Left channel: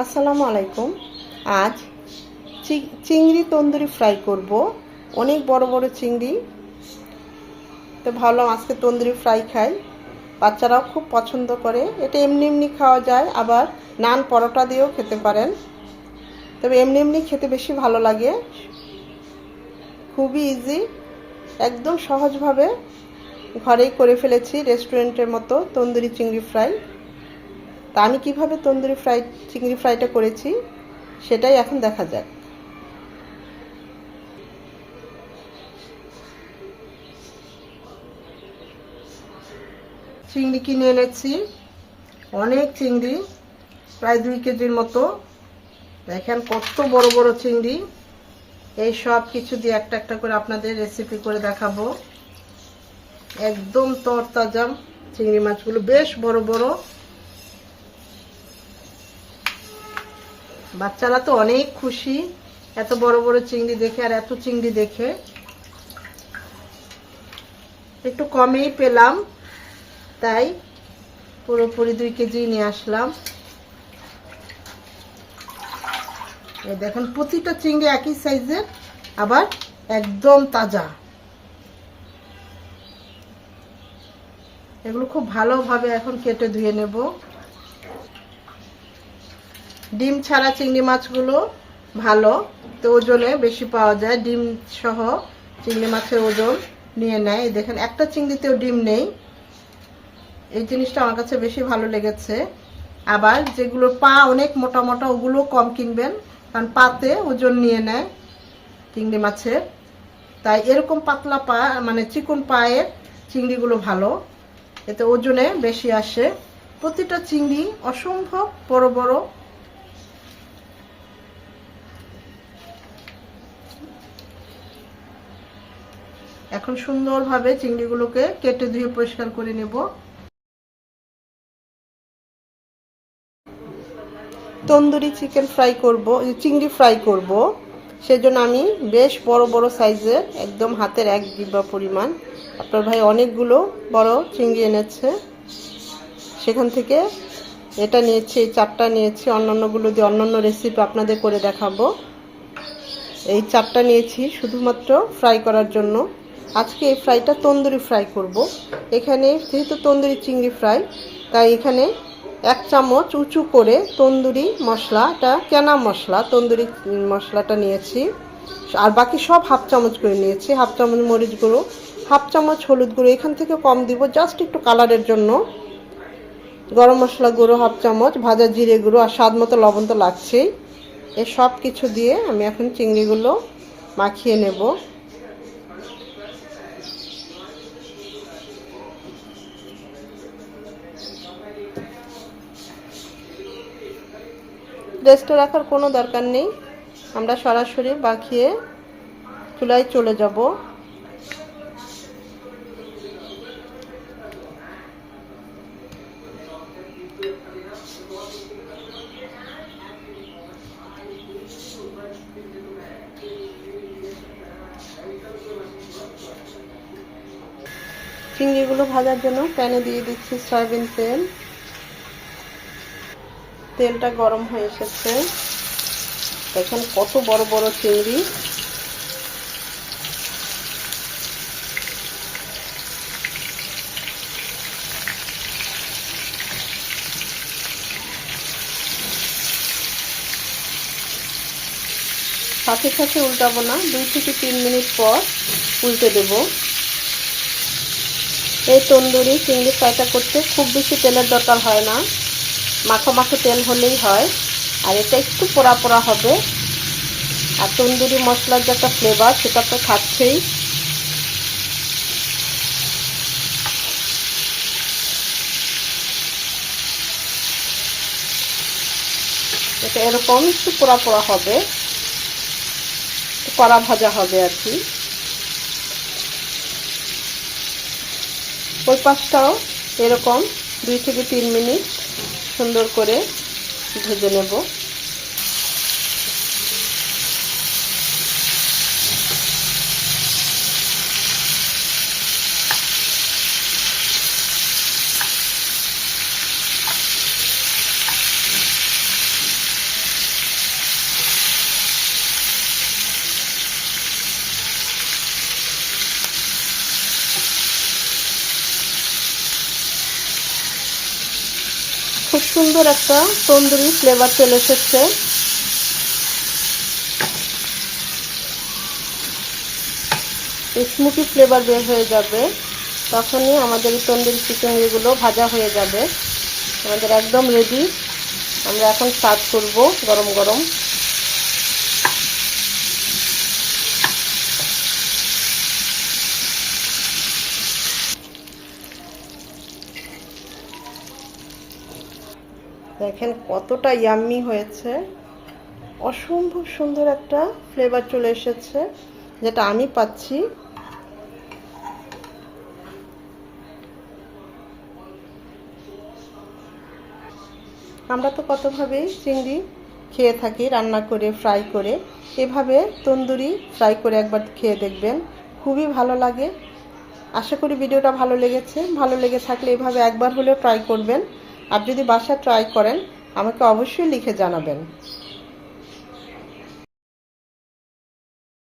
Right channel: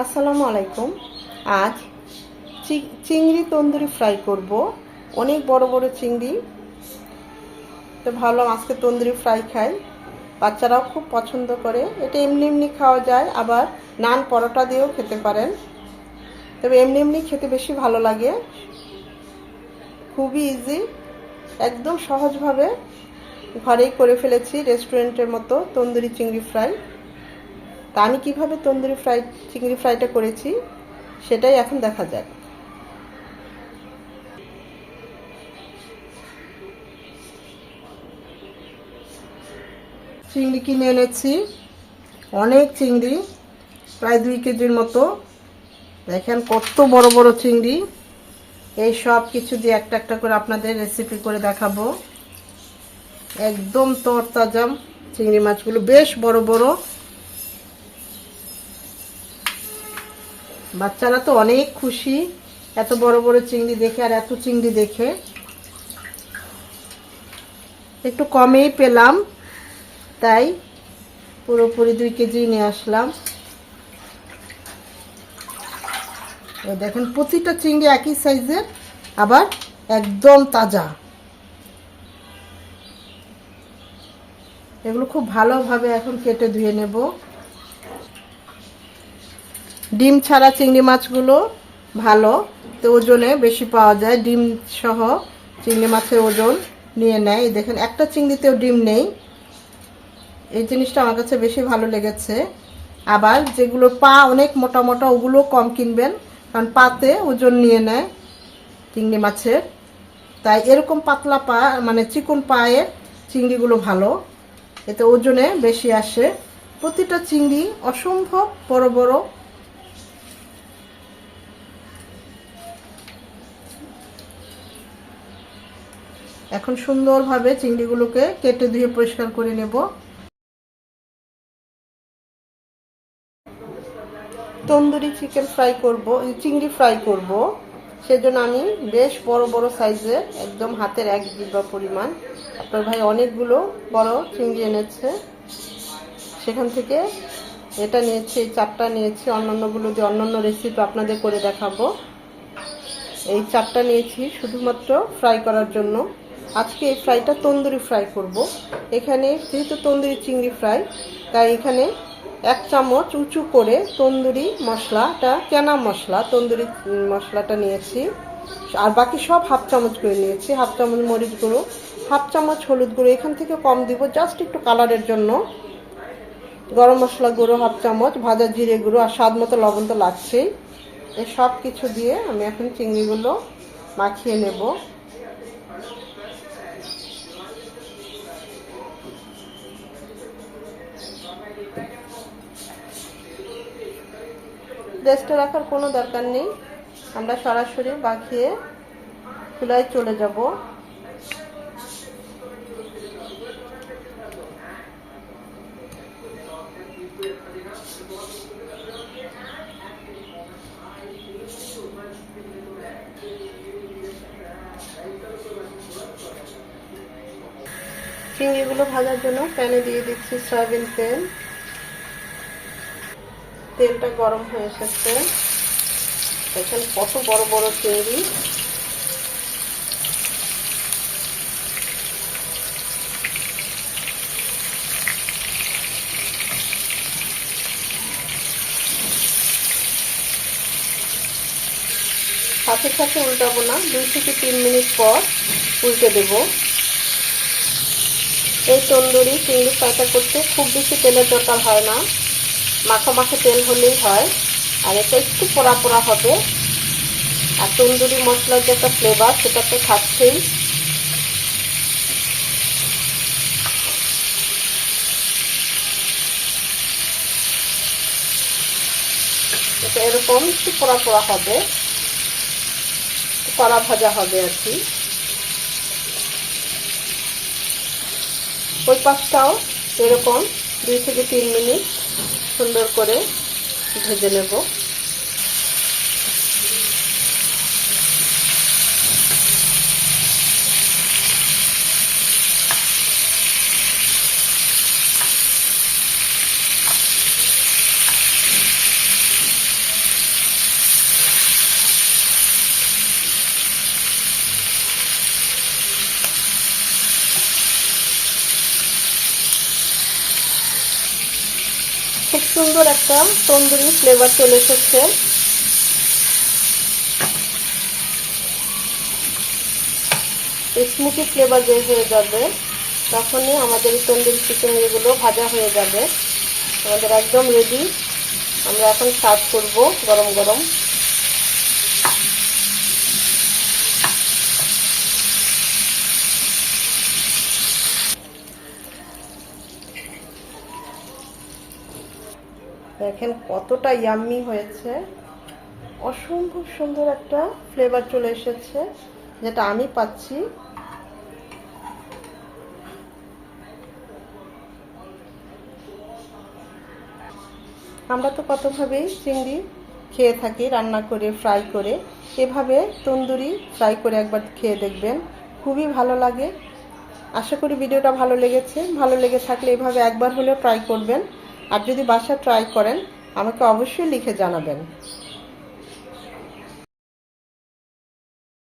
আসসালামু আলাইকুম। আজ চিংড়ি তন্দুরি ফ্রাই করব। অনেক বড় বড় চিংড়ি, তো ভাবলাম আজকে তন্দুরি ফ্রাই খাই। বাচ্চারাও খুব পছন্দ করে। এটা এমনি এমনি খাওয়া যায়, আবার নান পরোটা দিয়েও খেতে পারেন। তবে এমনি এমনি খেতে বেশি ভালো লাগে। খুবই ইজি, একদম সহজভাবে ঘরেই করে ফেলেছি রেস্টুরেন্টের মতো তন্দুরি চিংড়ি ফ্রাই। তা আমি কীভাবে তন্দুরি চিংড়ি ফ্রাইটা করেছি সেটাই এখন দেখা যাক। চিংড়ি কিনে এনেছি, অনেক চিংড়ি, প্রায় 2 কেজির মতো। দেখেন কত বড় বড় চিংড়ি। এই সব কিছু দিয়ে একটা একটা করে আপনাদের রেসিপি করে দেখাবো। একদম তরতাজা চিংড়ি মাছগুলো, বেশ বড় বড়। বাচ্চারা তো অনেক খুশি এত বড় বড় চিংড়ি দেখে, আর এত চিংড়ি দেখে। একটু কমেই পেলাম, তাই পুরোপুরি 2 কেজি নিয়ে আসলাম। এই দেখেন প্রতিটা চিংড়ি একই সাইজের, আবার একদম তাজা। এগুলো খুব ভালোভাবে এখন কেটে ধুয়ে নেব। ডিম ছাড়া চিংড়ি মাছগুলো ভালো, তো ওজনে বেশি পাওয়া যায়। ডিম সহ চিংড়ি মাছের ওজন নিয়ে নেয়। দেখেন একটা চিংড়িতেও ডিম নেই, এই জিনিসটা আমার কাছে বেশি ভালো লেগেছে। আবার যেগুলো পা অনেক মোটা মোটা, ওগুলো কম কিনবেন, কারণ পাতে ওজন নিয়ে নেয় চিংড়ি মাছের। তাই এরকম পাতলা পা, মানে চিকন পায়ের চিংড়িগুলো ভালো, এতে ওজনে বেশি আসে। প্রতিটা চিংড়ি অসম্ভব বড় বড়। এখন সুন্দরভাবে চিংড়িগুলোকে কেটে ধুয়ে পরিষ্কার করে নেব। তন্দুরি চিকেন ফ্রাই করব, চিংড়ি ফ্রাই করব। সেজন্য আমি বেশ বড় বড় সাইজের, একদম হাতের 1 জিহ্বা পরিমাণ, আপনার ভাই অনেকগুলো বড় চিংড়ি এনেছে, সেখান থেকে এটা নিয়েছি, এই 4টা নিয়েছি। অন্যান্যগুলো দিয়ে অন্যান্য রেসিপি আপনাদের করে দেখাবো। এই 4টা নিয়েছি শুধুমাত্র ফ্রাই করার জন্য। আজকে এই ফ্রাইটা তন্দুরি ফ্রাই করব। এখানে যেহেতু তন্দুরি চিংড়ি ফ্রাই, তাই এখানে 1 চামচ উঁচু করে তন্দুরি মশলাটা, কেনা মশলা তন্দুরি মশলাটা নিয়েছি। আর বাকি সব 1/2 চামচ করে নিয়েছি। 1/2 চামচ মরিচ গুঁড়ো, 1/2 চামচ হলুদ গুঁড়ো, এখান থেকে কম দিব জাস্ট একটু কালারের জন্য। গরম মশলা গুঁড়ো 1/2 চামচ, ভাজা জিরে গুঁড়ো, আর স্বাদ মতো লবণ তো লাগছেই। এই সব কিছু দিয়ে আমি এখন চিংড়িগুলো মাখিয়ে নেব। রেস্টে রাখার কোনো দরকার নেই, আমরা সরাসরি মাখিয়ে চুলায় চলে যাব। চিংড়িগুলো ভাজার জন্য প্যানে দিয়ে দিচ্ছি সয়াবিন তেল। তেলটা গরম হয়ে এসেছে। দেখেন কত বড় বড় চিংড়ি। সাথে সাথে উল্টাবো না, 2 থেকে 3 মিনিট পর উল্টে দেব। এই তন্দুরি চিংড়ি ফ্রাইটা করতে খুব বেশি তেলের দরকার হয় না, মাখো মাখো তেল হলেই হয়। আর এটা একটু পোড়া পোড়া হবে, আর তন্দুরি মশলার যে একটা ফ্লেভার, সেটা তো থাকছেই। এটা এরকম একটু পোড়া পোড়া হবে, কড়া ভাজা হবে আর কি। ওই পাশটাও এরকম 2 থেকে 3 মিনিট সুন্দর করে ভেজে নেব। অনেক সুন্দর একটা তন্দুরি ফ্লেভার চলে এসেছে। স্মোকি ফ্লেভার বের হয়ে যাবে, তখনই আমাদের এই তন্দুরি চিকেনগুলো ভাজা হয়ে যাবে। আমাদের একদম রেডি। আমরা এখন সার্ভ করব গরম গরম। দেখেন কতটা ইয়াম্মি হয়েছে, অসম্ভব সুন্দর একটা ফ্লেভার চলে এসেছে, যেটা আমি পাচ্ছি। আমরা তো কতভাবেই চিংড়ি খেয়ে থাকি, রান্না করে, ফ্রাই করে। এভাবে তন্দুরি ফ্রাই করে একবার খেয়ে দেখবেন, খুবই ভালো লাগে। আশা করি ভিডিওটা ভালো লেগেছে। ভালো লেগে থাকলে এভাবে একবার হলেও ট্রাই করবেন। আর যদি বাসায় ট্রাই করেন, আমাকে অবশ্যই লিখে জানাবেন।